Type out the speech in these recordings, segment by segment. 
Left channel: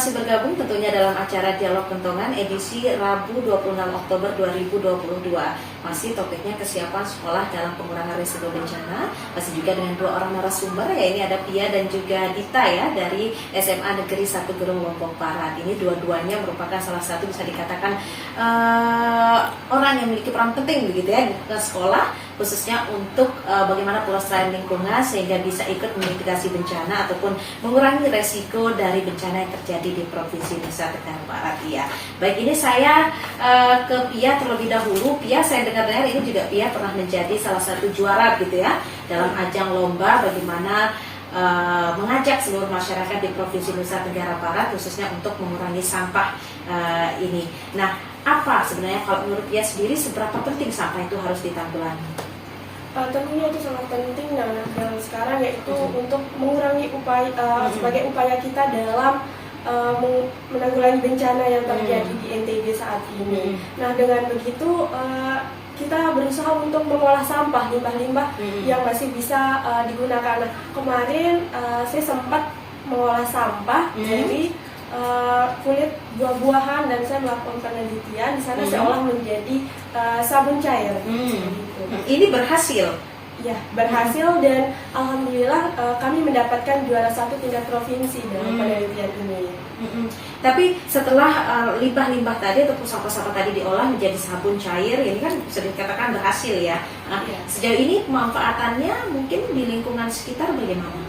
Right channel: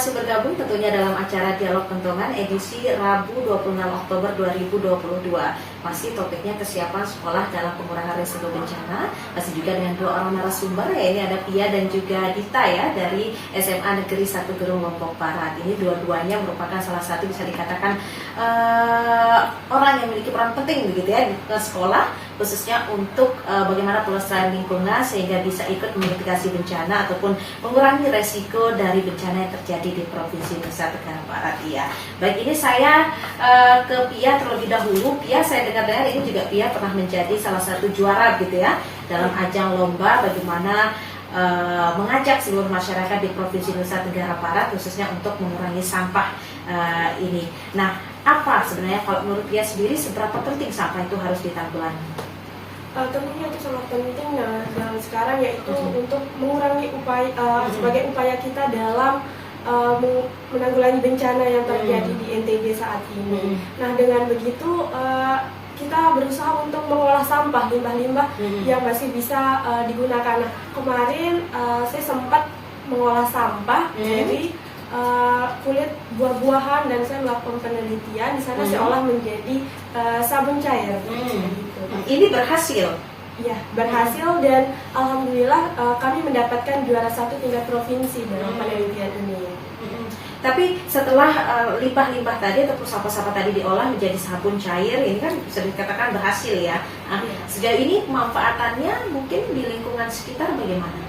masih bergabung tentunya dalam acara Dialog Pentongan edisi Rabu 26 Oktober 2022. Masih topiknya kesiapan sekolah dalam pengurangan risiko bencana. Masih juga dengan dua orang narasumber, ya, ini ada Pia dan juga Dita ya dari SMA Negeri 1 Gerung Lombok Barat. Ini dua-duanya merupakan salah satu bisa dikatakan orang yang memiliki peran penting begitu ya di sekolah, khususnya untuk bagaimana pelestarian lingkungan sehingga bisa ikut memitigasi bencana ataupun mengurangi resiko dari bencana yang terjadi di Provinsi Nusa Tenggara Barat. Ya, baik, ini saya ke Pia terlebih dahulu. Pia, saya dengar-dengar ini juga Pia pernah menjadi salah satu juara gitu ya dalam ajang lomba bagaimana mengajak seluruh masyarakat di Provinsi Nusa Tenggara Barat khususnya untuk mengurangi sampah ini. Nah, apa sebenarnya kalau menurut Pia sendiri seberapa penting sampah itu harus ditanggulangi? Tentunya itu sangat penting dan sekarang yaitu untuk mengurangi upaya sebagai upaya kita dalam menanggulangi bencana yang terjadi di NTB saat ini. Nah, dengan begitu kita berusaha untuk mengolah sampah limbah-limbah yang masih bisa digunakan. Nah, kemarin saya sempat mengolah sampah dari kulit buah-buahan dan saya melakukan penelitian di sana saya olah menjadi sabun cair. Gitu. Ini berhasil? Ya, berhasil dan alhamdulillah kami mendapatkan juara 1 tingkat provinsi dalam penelitian ini. Tapi setelah limbah-limbah tadi atau sampah-sampah tadi diolah menjadi sabun cair, ini kan bisa dikatakan berhasil ya. Nah, sejauh ini pemanfaatannya mungkin di lingkungan sekitar bagaimana?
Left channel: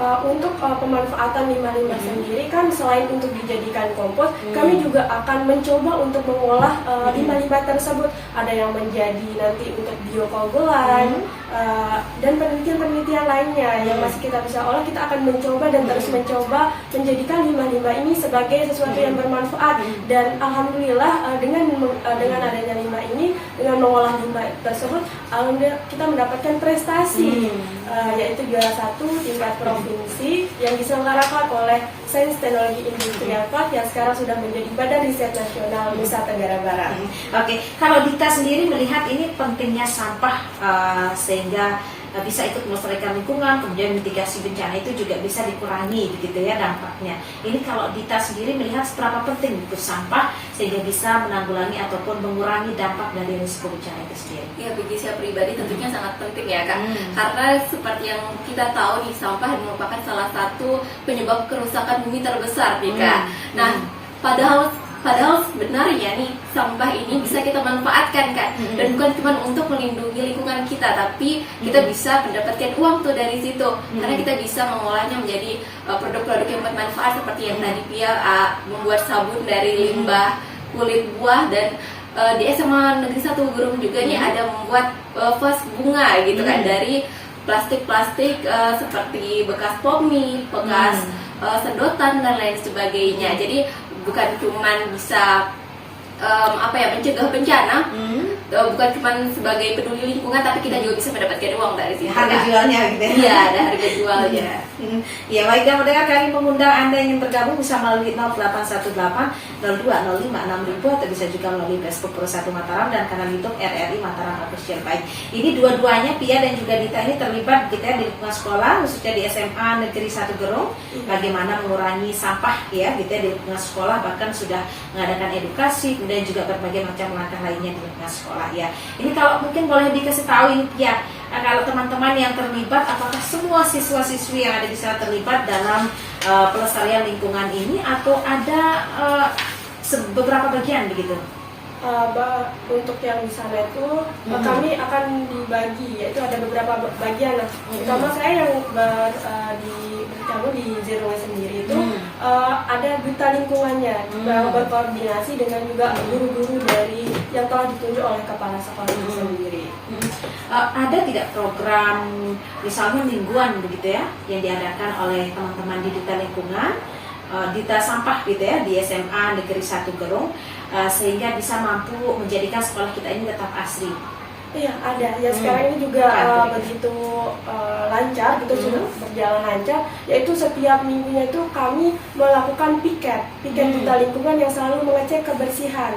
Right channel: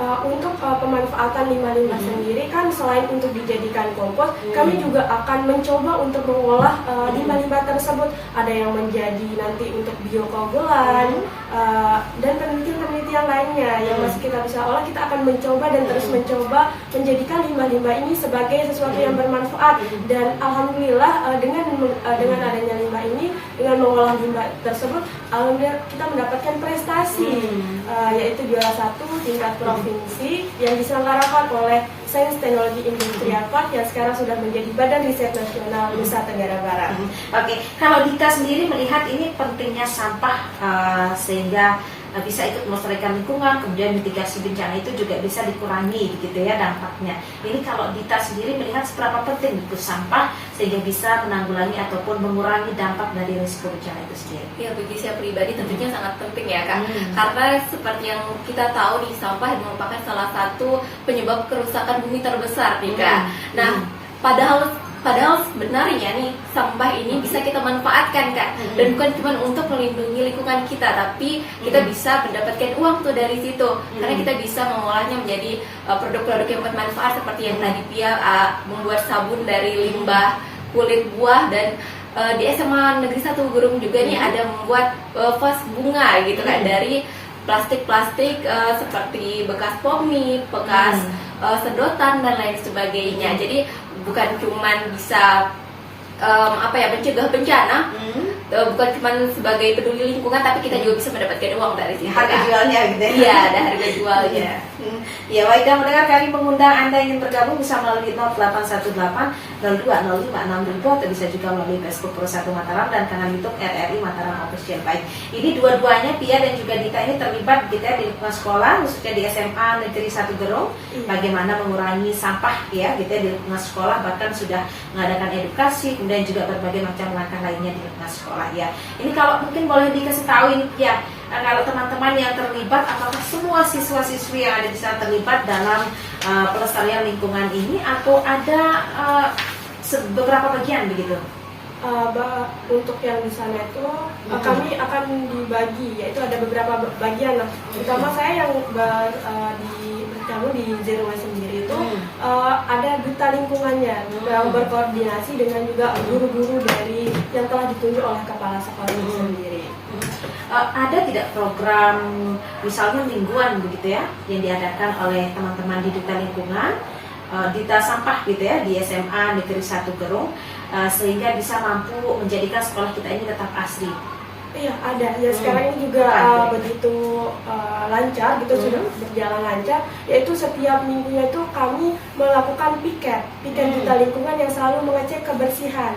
Untuk pemanfaatan limbah-limbah sendiri kan selain untuk dijadikan kompos, kami juga akan mencoba untuk mengolah limbah-limbah tersebut. Ada yang menjadi nanti untuk biokoagulan dan penelitian-penelitian lainnya yang masih kita bisa olah. Kita akan mencoba dan terus mencoba menjadikan limbah-limbah ini sebagai sesuatu yang bermanfaat. Dan alhamdulillah dengan adanya limbah ini, dengan mengolah limbah tersebut, alhamdulillah kita mendapatkan prestasi yaitu juara 1 tingkat provinsi yang diselenggarakan oleh Sains Teknologi Industrial Park yang sekarang sudah menjadi Badan Riset Nasional Nusa Tenggara Barat. Oke, kalau Dita sendiri melihat ini pentingnya sampah sehingga bisa ikut melestarikan lingkungan, kemudian mitigasi bencana itu juga bisa dikurangi begitu ya dampaknya. Ini kalau Dita sendiri melihat seberapa penting itu sampah sehingga bisa menanggulangi ataupun mengurangi dampak dari risiko bencana itu sendiri. Ya, bagi saya pribadi tentunya sangat penting ya Kak, karena seperti yang kita tahu nih, sampah merupakan salah satu penyebab kerusakan bumi terbesar nih Kak. Nah, padahal sebenarnya nih sampah ini bisa kita manfaatkan Kak, dan bukan cuma untuk melindungi lingkungan kita, tapi kita bisa mendapatkan uang tuh dari situ, karena kita bisa mengolahnya menjadi produk-produk yang bermanfaat seperti yang tadi Pia membuat sabun dari limbah kulit buah, dan di SMA Negeri 1 Gerung juga nih ada membuat vas bunga gitu kan dari plastik-plastik seperti bekas pommi, bekas sedotan dan lain sebagainya. Jadi bukan cuman bisa mencegah bencana, bukan cuma sebagai peduli lingkungan, tapi kita juga bisa mendapatkan uang dari situ. Harga jualnya gitu ya. Iya, ada harga jualnya. Ya, baik, dan mendengar kami mengundang Anda yang bergabung bisa melalui 0818 0205 6000 atau bisa juga melalui Facebook Pro 1 Mataram dan kanal YouTube RRI Mataram Official. Baik, ini dua-duanya Pia dan juga Dita ini terlibat gitu ya di lingkungan sekolah, khususnya di SMA Negeri 1 Gerung, bagaimana mengurangi sampah ya gitu ya di lingkungan sekolah, bahkan sudah mengadakan edukasi dan juga berbagai macam langkah lainnya di lingkungan sekolah ya. Ini kalau mungkin boleh dikasih tahu ini ya, kalau teman-teman yang terlibat, apakah semua siswa-siswi yang ada di sana terlibat dalam pelestarian lingkungan ini atau ada beberapa bagian begitu? Untuk yang di sana itu kami akan dibagi, yaitu ada beberapa bagian. Nah, terutama saya yang bergabung di Zero Waste sendiri itu ada duta lingkungannya yang berkoordinasi dengan juga guru-guru dari yang telah ditunjuk oleh kepala sekolah itu sendiri. Ada tidak program misalnya mingguan begitu ya yang diadakan oleh teman-teman di duta lingkungan, duta sampah gitu ya di SMA Negeri 1 Gerung, sehingga bisa mampu menjadikan sekolah kita ini tetap asri? Iya, ada. Ya, sekarang ini juga begitu lancar gitu, sudah berjalan lancar, yaitu setiap minggunya itu kami melakukan piket duta lingkungan yang selalu mengecek kebersihan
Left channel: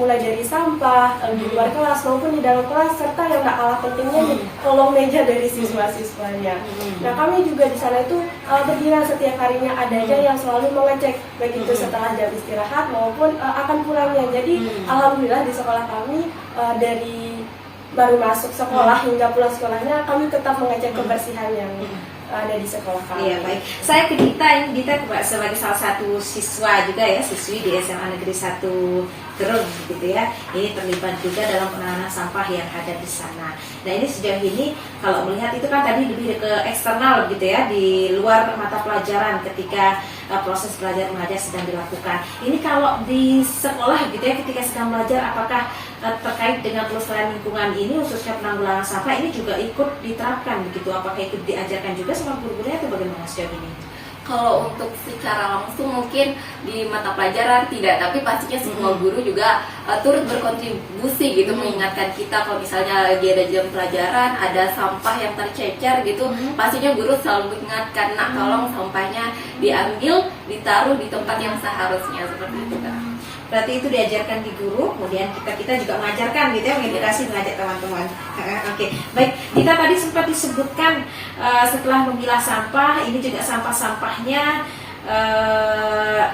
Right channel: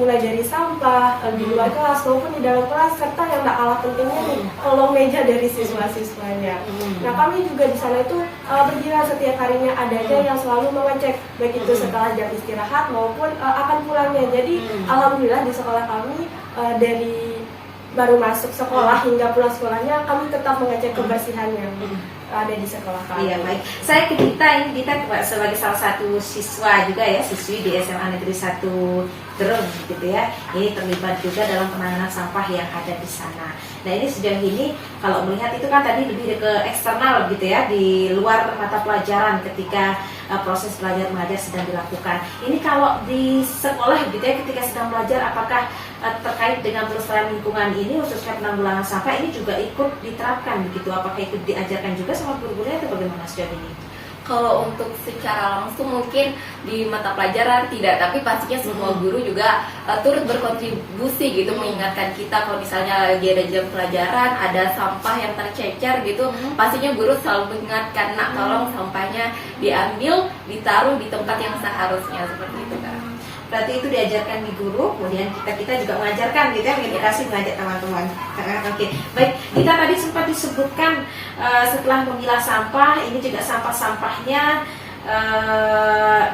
mulai dari sampah di luar kelas maupun di dalam kelas, serta yang tak kalah pentingnya nih kolong meja dari siswa-siswanya. Nah, kami juga di sana itu bergiliran setiap harinya, ada aja yang selalu mengecek baik itu setelah jam istirahat maupun akan pulangnya. Jadi alhamdulillah di sekolah kami dari baru masuk sekolah hingga pulang sekolahnya kami tetap mengecek kebersihan yang ada di sekolah kami. Iya, baik. Saya ke Dita, ini Dita sebagai salah satu siswa juga ya, siswi di SMA Negeri 1 Gerung gitu ya. Ini terlibat juga dalam penanganan sampah yang ada di sana. Nah, ini sejauh ini kalau melihat itu kan tadi lebih ke eksternal gitu ya, di luar mata pelajaran ketika proses belajar mengajar sedang dilakukan. Ini kalau di sekolah gitu ya, ketika sedang belajar, apakah terkait dengan pelestarian lingkungan ini khususnya penanggulangan sampah ini juga ikut diterapkan begitu? Apakah ikut diajarkan juga sama guru-gurunya atau bagaimana sejauh ini? Kalau untuk secara langsung mungkin di mata pelajaran tidak, tapi pastinya semua guru juga turut berkontribusi gitu, mengingatkan kita kalau misalnya lagi ada jam pelajaran ada sampah yang tercecer gitu, pastinya guru selalu mengingatkan, nak tolong sampahnya diambil, ditaruh di tempat yang seharusnya, seperti itu kan. Berarti itu diajarkan di guru, kemudian kita juga mengajarkan gitu ya, mengedukasi, mengajak teman-teman. Oke, baik. Kita tadi sempat disebutkan setelah memilah sampah, ini juga sampah-sampahnya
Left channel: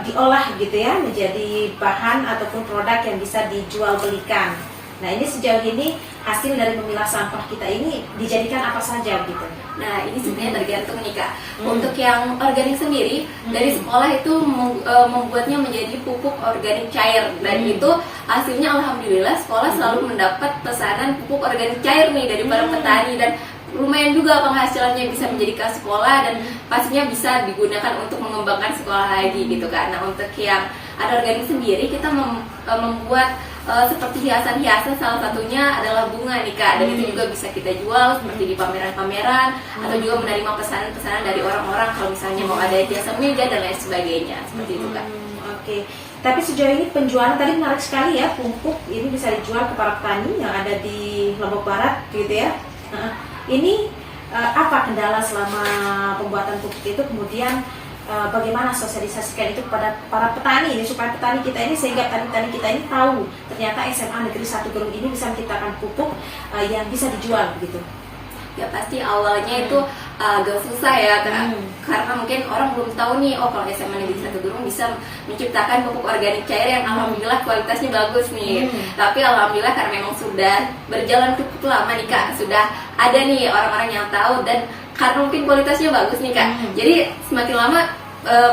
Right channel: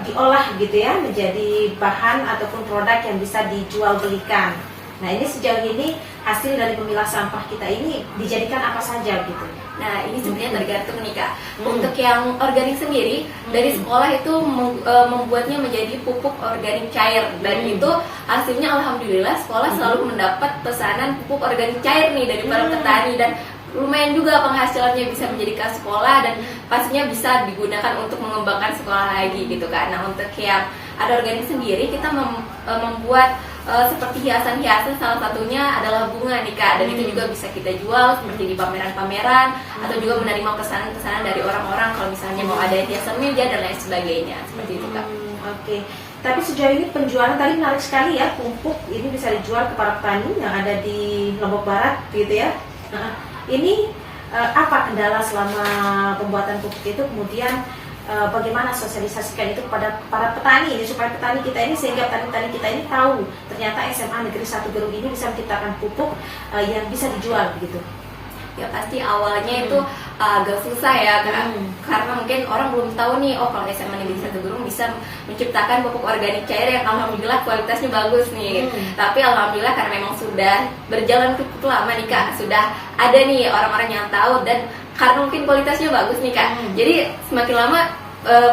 diolah gitu ya, menjadi bahan ataupun produk yang bisa dijual belikan. Nah, ini sejauh ini hasil dari memilah sampah kita ini dijadikan apa saja gitu? Nah, ini sebenarnya tergantung nih Kak. Untuk yang organik sendiri, dari sekolah itu membuatnya menjadi pupuk organik cair. Dan itu hasilnya alhamdulillah sekolah selalu mendapat pesanan pupuk organik cair nih dari para petani. Dan lumayan juga penghasilannya bisa menjadikan sekolah dan pastinya bisa digunakan untuk mengembangkan sekolah lagi gitu kan. Nah, untuk yang ada organik sendiri, kita membuat seperti hiasan-hiasan, salah satunya adalah bunga nih Kak, dan itu juga bisa kita jual seperti di pameran-pameran atau juga menerima pesanan-pesanan dari orang-orang kalau misalnya mau ada jasa meja dan lain sebagainya, seperti itu Kak. Oke. Tapi sejauh ini penjualan tadi menarik sekali ya, pupuk ini bisa dijual ke para petani yang ada di Lombok Barat gitu ya. Ini apa kendala selama pembuatan pupuk itu, kemudian bagaimana sosialisasikan itu kepada para petani ini supaya petani kita ini, sehingga petani-petani kita ini tahu ternyata SMA Negeri 1 Gerung ini bisa menciptakan pupuk yang bisa dijual begitu. Ya pasti awalnya itu agak susah ya karena mungkin orang belum tahu nih, oh kalau SMA Negeri 1 Gerung bisa menciptakan pupuk organik cair yang alhamdulillah kualitasnya bagus nih. Tapi alhamdulillah karena memang sudah berjalan cukup lama nih Kak, sudah ada nih orang-orang yang tahu, dan karena mungkin kualitasnya bagus nih Kak, jadi semakin lama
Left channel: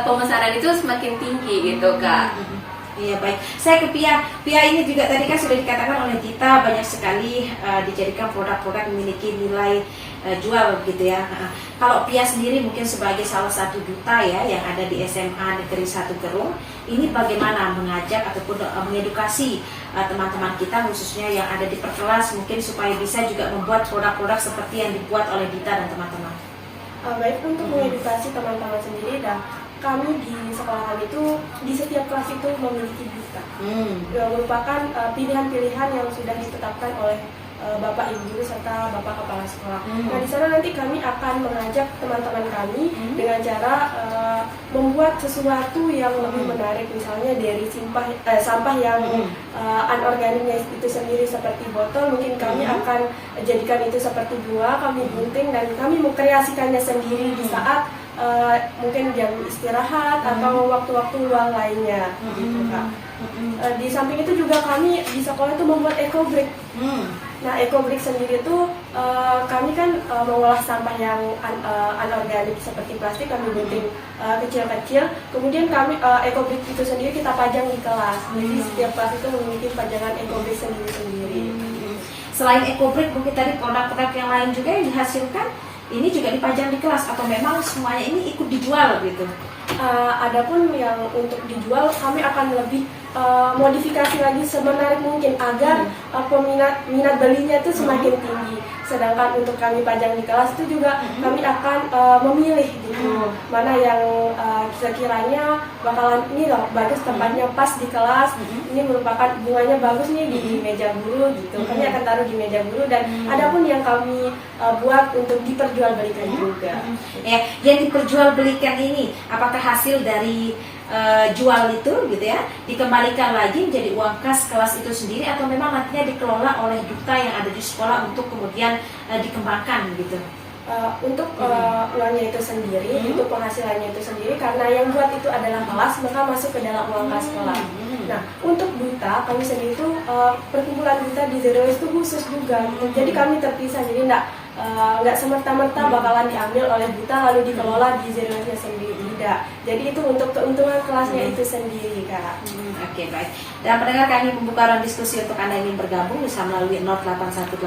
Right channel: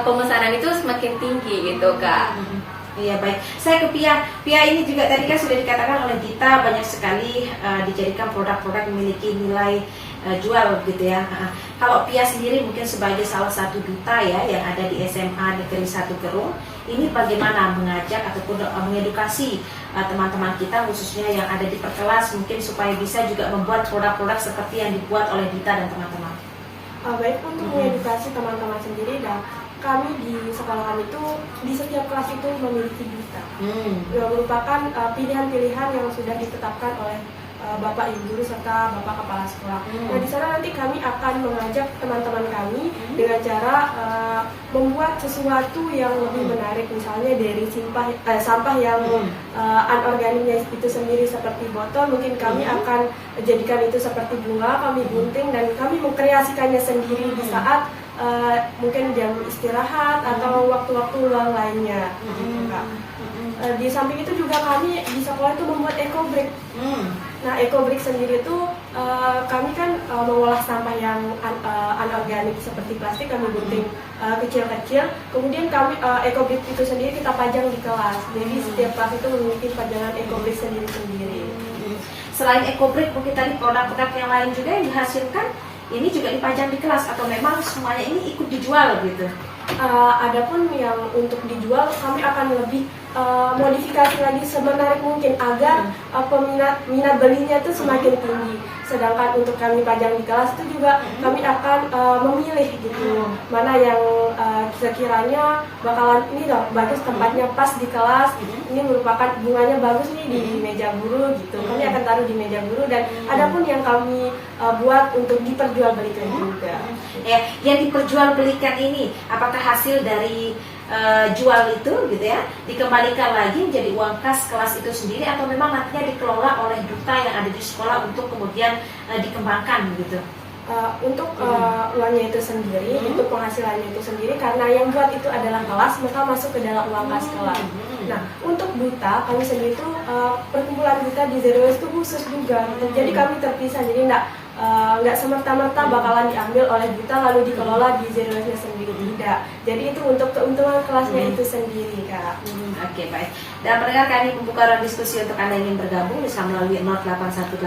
pemesanan itu semakin tinggi gitu Kak. Iya, baik. Saya ke Pia. Pia ini juga tadi kan sudah dikatakan oleh Gita banyak sekali dijadikan produk-produk memiliki nilai jual gitu ya. Kalau Pia sendiri mungkin sebagai salah satu duta ya yang ada di SMA Negeri 1 Gerung, ini bagaimana mengajak ataupun mengedukasi teman-teman kita khususnya yang ada di perkelas mungkin supaya bisa juga membuat produk-produk seperti yang dibuat oleh Dita dan teman-teman. Baik, untuk mengedukasi teman-teman sendiri, dan kami di sekolah kami itu di setiap kelas itu memiliki duta, yang merupakan pilihan-pilihan yang sudah ditetapkan oleh Bapak Ibu Guru serta Bapak Kepala Sekolah. Nah, di sana nanti kami akan mengajak teman-teman kami dengan cara membuat sesuatu yang lebih menarik, misalnya dari sampah yang anorganiknya itu sendiri seperti botol, mungkin kami akan jadikan itu seperti bunga, kami gunting dan kami mengkreasikannya sendiri di saat mungkin jam istirahat atau waktu-waktu luang lainnya, gitu Kak. Di samping itu juga kami di sekolah itu membuat eco brick. Nah, eco brick sendiri itu kami kan mengolah sampah yang anorganik seperti plastik, kami gunting kecil-kecil. Kemudian kami eco brick itu sendiri kita pajang di kelas. Jadi setiap kelas itu memiliki pajangan eco brick sendiri-sendiri. Selain eco brick, mungkin tadi produk-produk yang lain juga yang dihasilkan ini juga dipajang di kelas atau memang semuanya ini ikut dijual gitu? Adapun yang untuk dijual kami akan lebih modifikasi lagi semenarik mungkin agar minat belinya itu semakin tinggi. Sedangkan untuk kami pajang di kelas itu juga kami akan memilih gitu mana yang sekiranya bakalan ini loh bagus, tempatnya pas di kelas, ini merupakan bunganya bagus nih di meja guru gitu. Kami akan taruh di meja guru, dan adapun yang kami buat untuk diperjualbelikan juga. Ya, yang diperjualbelikan ini apakah hasil dari jual itu gitu ya dikembalikan lagi menjadi uang kas kelas itu sendiri, atau memang nantinya dikelola oleh duta yang ada di sekolah untuk kemudian dikembangkan gitu? Untuk uangnya itu sendiri, untuk penghasilannya itu sendiri, karena yang buat itu adalah kelas, maka masuk ke dalam uang kas kelas. Nah, untuk duta kami sendiri itu perkumpulan duta di Zero Waste itu khusus juga. Jadi kami terpisah, jadi nggak semerta-merta bakalan diambil oleh duta lalu dikelola di Zero Waste-nya sendiri, tidak. Jadi itu untuk keuntungan kelasnya itu sendiri, Kak. Oke, baik. Dan pendengar, kami membuka ruang diskusi untuk Anda yang ingin bergabung bisa melalui 0818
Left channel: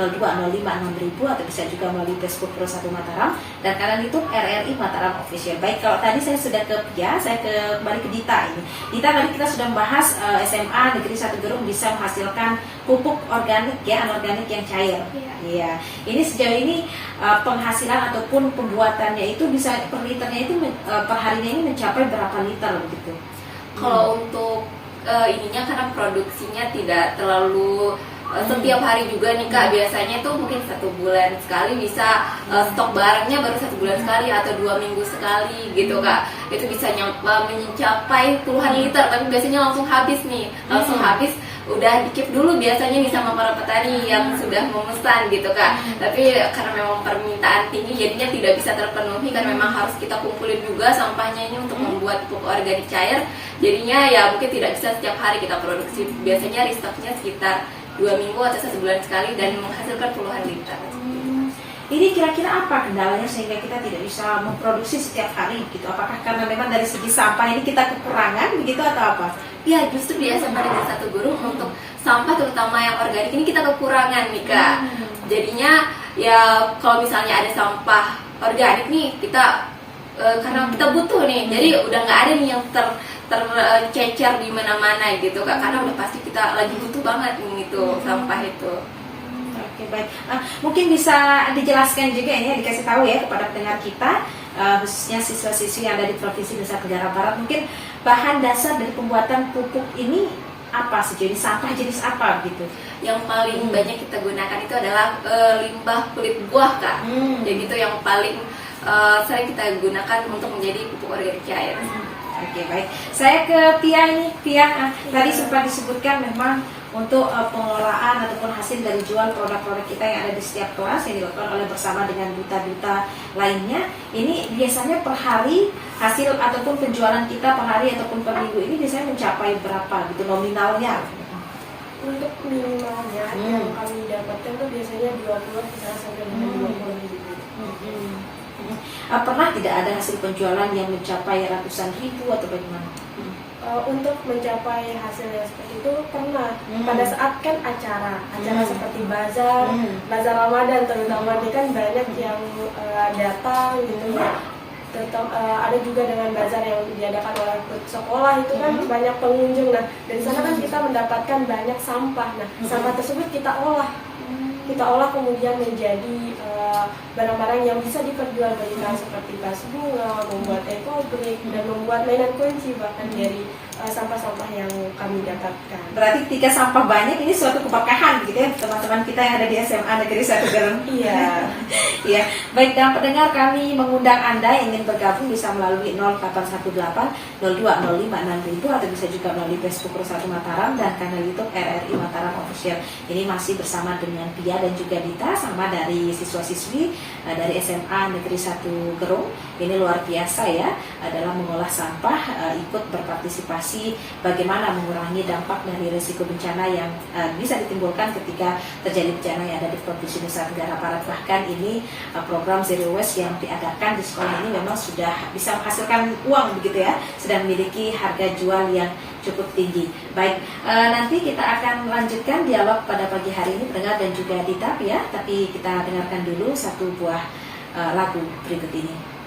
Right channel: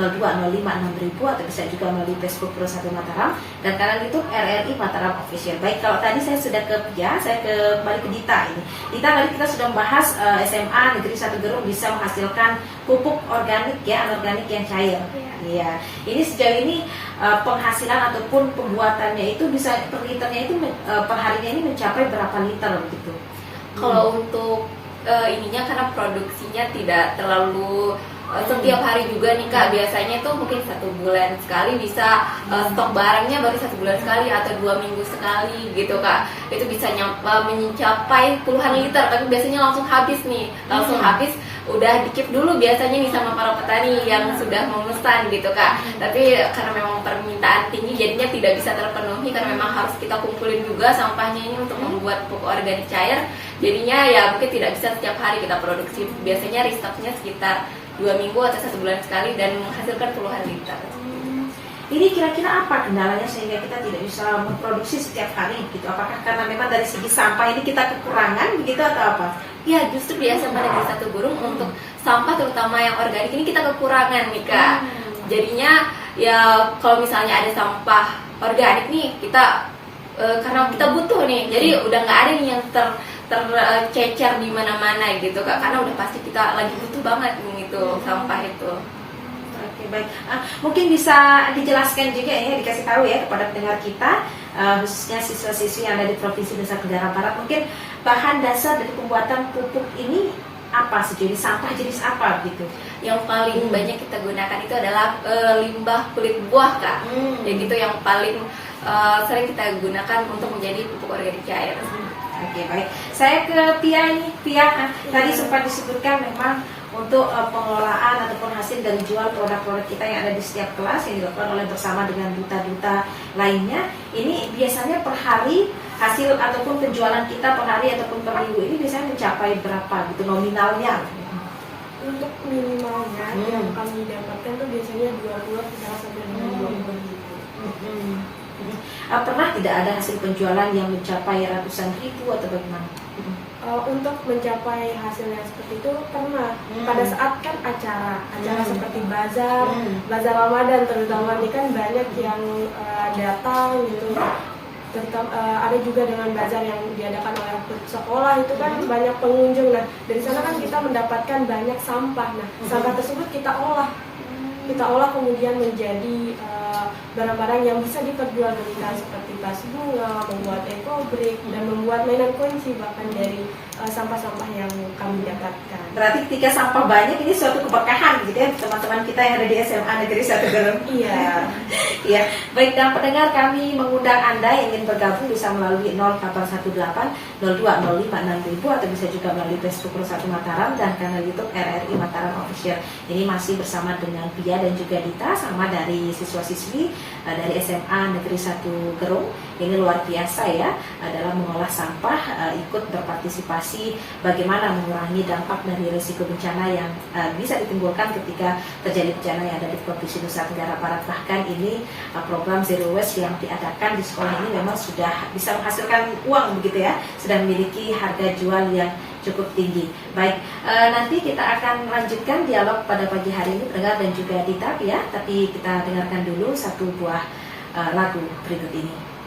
0205 6000 atau bisa juga melalui Facebook Pro 1 Mataram dan kanal YouTube RRI Mataram Official. Baik, kalau tadi saya sudah ke Pia, saya kembali ke Dita ini. Dita, tadi kita sudah membahas SMA Negeri 1 Gerung bisa menghasilkan pupuk organik ya, anorganik yang cair. Iya. Ini sejauh ini penghasilan ataupun pembuatannya itu bisa per liternya itu per harinya ini mencapai berapa liter begitu? Kalau untuk ininya karena produksinya tidak terlalu setiap hari juga nih Kak, biasanya itu mungkin 1 bulan sekali bisa stok barangnya baru 1 bulan sekali atau 2 minggu sekali gitu Kak. Itu bisa mencapai puluhan liter, tapi biasanya langsung habis nih, langsung habis. Udah dikip dulu biasanya nih sama para petani yang sudah memesan gitu Kak. Tapi karena memang permintaan tinggi jadinya tidak bisa terpenuhi karena memang harus kita kumpulin juga sampahnya ini untuk membuat pupuk organik cair. Jadinya ya mungkin tidak bisa setiap hari kita produksi. Biasanya restoknya sekitar 2 minggu atau 1 bulan sekali dan menghasilkan puluhan liter. Ini kira-kira apa kendalanya sehingga kita tidak bisa memproduksi setiap hari gitu? Apakah karena memang dari segi sampah ini kita kekurangan begitu atau apa? Ya justru di SMA Negeri 1 Gerung untuk sampah terutama yang organik ini kita kekurangan nih Kak. Jadinya ya kalau misalnya ada sampah organik nih kita karena kita butuh nih, jadi udah nggak ada nih yang tercecer di mana-mana gitu Kak, karena udah pasti kita lagi butuh banget nih gitu sampah itu. Oke, baik. Mungkin bisa dijelaskan juga ya, dikasih tahu ya kepada pendengar kita, khususnya siswa-siswi yang ada di Provinsi Nusa Tenggara Barat, mungkin bahan dasar dari pembuatan pupuk ini apa sih? Jadi sampah jenis apa gitu? Yang paling banyak kita gunakan itu adalah limbah kulit buah Kak. Jadi itu yang paling sering kita gunakan untuk menjadi pupuk organik cair. Oke, baik. Saya ke Pia ini. Pia, tadi sempat disebutkan memang untuk pengelolaan ataupun hasil dari jual produk-produk kita yang ada di setiap kelas yang dilakukan oleh bersama dengan duta-duta lainnya. Ini biasanya per hari hasil ataupun penjualan kita per hari ataupun per minggu ini biasanya mencapai berapa gitu nominalnya? Untuk minimalnya yang kami dapatkan tuh biasanya 20 sampai 20 ribu. Pernah tidak ada hasil penjualan yang mencapai ratusan ribu atau bagaimana? Untuk mencapai hasilnya seperti itu pernah pada saat kan acara seperti bazar Ramadan terutama ini kan banyak yang datang gitu. Ada juga dengan bazar yang diadakan oleh sekolah itu kan banyak pengunjung. Nah dari sana kan kita mendapatkan banyak sampah. Nah sampah tersebut kita olah kemudian menjadi barang-barang yang bisa diperjualbelikan seperti tas bunga, membuat ekobrik dan membuat mainan kunci bahkan dari sampah-sampah yang kami dapatkan. Berarti ketika sampah banyak ini suatu keberkahan gitu ya teman-teman kita yang ada di SMA Negeri 1 Gerung. Iya. Iya. Baik, dan pendengar, kami mengundang Anda yang ingin bergabung bisa melalui 0818 0205 6000 atau bisa juga melalui Facebook Pro 1 Mataram dan kanal YouTube RRI Mataram Official. Ini masih bersama dengan Pia dan juga Dita, sama dari siswa-siswi dari SMA Negeri 1 Gerung. Ini luar biasa ya dalam mengolah sampah, ikut berpartisipasi bagaimana mengurangi dampak dari risiko bencana yang bisa ditimbulkan ketika terjadi bencana yang ada di Provinsi Nusa Tenggara Barat. Bahkan ini program Zero Waste yang diadakan di sekolah ini memang sudah bisa menghasilkan uang begitu ya, sudah memiliki harga jual yang cukup tinggi. Baik, nanti kita akan lanjutkan dialog pada pagi hari ini pendengar dan juga Dita ya, tapi kita dengarkan dulu satu buah lagu berikut ini.